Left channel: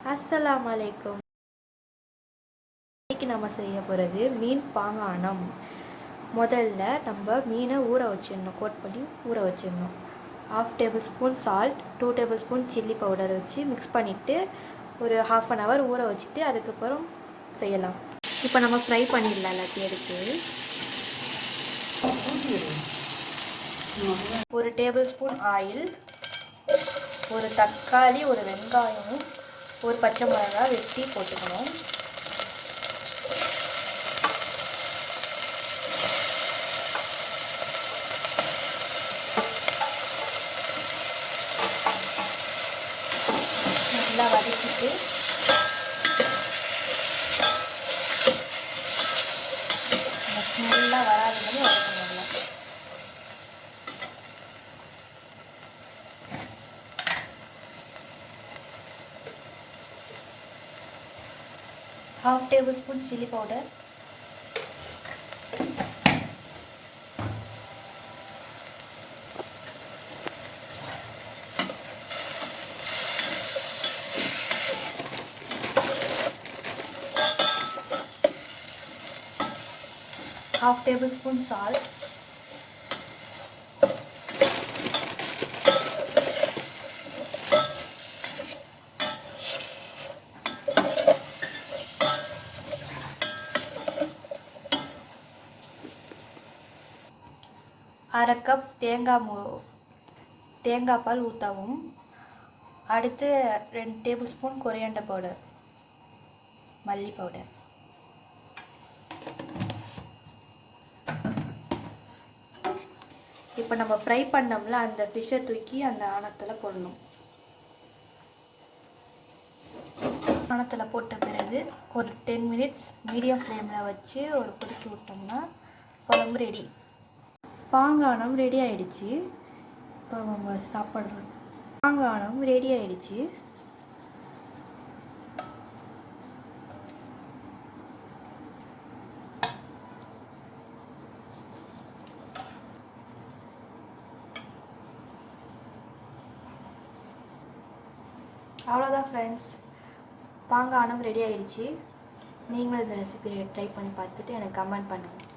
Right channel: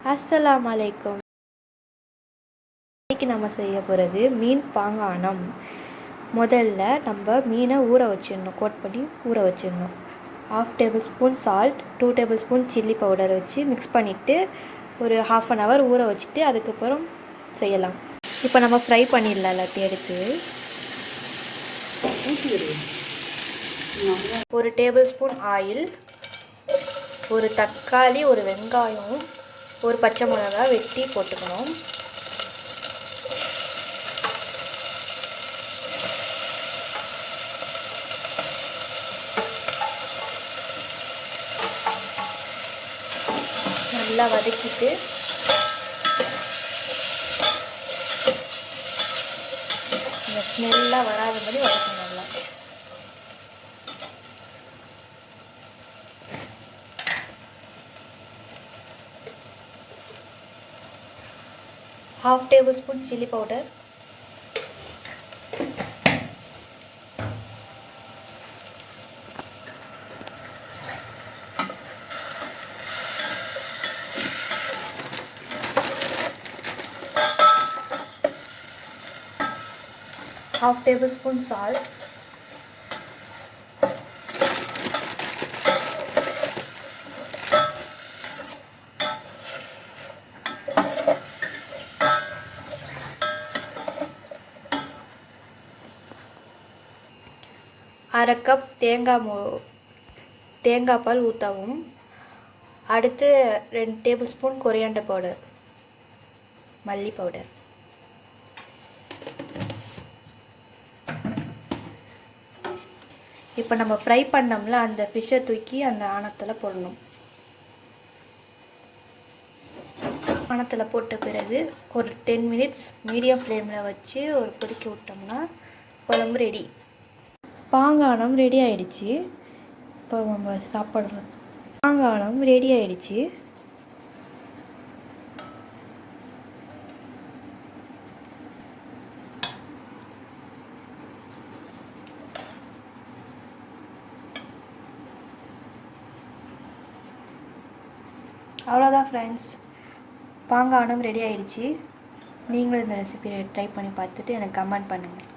அஸ்ஸலாமு அலைக்கும். இன்றைக்கி நம்ம செய்ய போகிறது மீன் பாங்கானம். முதல்ல நம்ம மீனை ஊற வச்சிடணும், கோட் பண்ணி ஊற வச்சிடணும். 1/2 table spoon salt, 2 table spoon chilli powder வச்சு மிக்ஸ் பண்ணிவிட்டு ஒரு 1/2 hour ஊற வச்சுட்டு அதுக்கப்புறம் செய்யலாம். இப்போ நம்ம ஃப்ரை பண்ணிடலாம் எல்லாத்தையும் எடுத்து. 1 டேபிள் ஸ்பூன் ஆயில், ஒரு தக்காளி, ஒரு வெங்காயம், ஒரு பச்சை மிளகாய் வெட்டி போட்டுக்கணும். நல்லா வதக்கிட்டு இந்த ஸ்மெல்லாக வராத மாதிரி வதக்கணும். நல்லா ½ table spoon chilli powder, ½ table spoon salt, அரை கப் தேங்காய் பால் ஊற்றவும். அடுத்து 2 டேபிள் ஸ்பூன் கொரியாண்டர் பவுடர், மல்லி பவுடர். இப்போ நம்ம ஃப்ரை பண்ணோம்ல அந்த ஃபிஷ்ஷை தூக்கி அந்த ஆணத்தில் போடணும். ஆணத்தில் போட்ட பிறகு ஒரு 10 minutes மீடியம் ஃப்ளேமில் வச்சு ஒரு கொதிக்க விட்டோம்னா குழம்பு ரெடி. பாங்கானம் ரெடி ஆயிடுச்சு. இப்போ நம்ம சாப்பிட்றோம். பாங்கானம் ரெடி ஆயிடுச்சு. அவ்வளோதான் ஃப்ரெண்ட்ஸ், பாங்கானம் ரெடி ஆயிடுச்சு. நீங்களும் இந்த ரெசிபி ட்ரை பண்ணி பார்த்துட்டு எனக்கு கமெண்ட் பண்ணுங்கள்.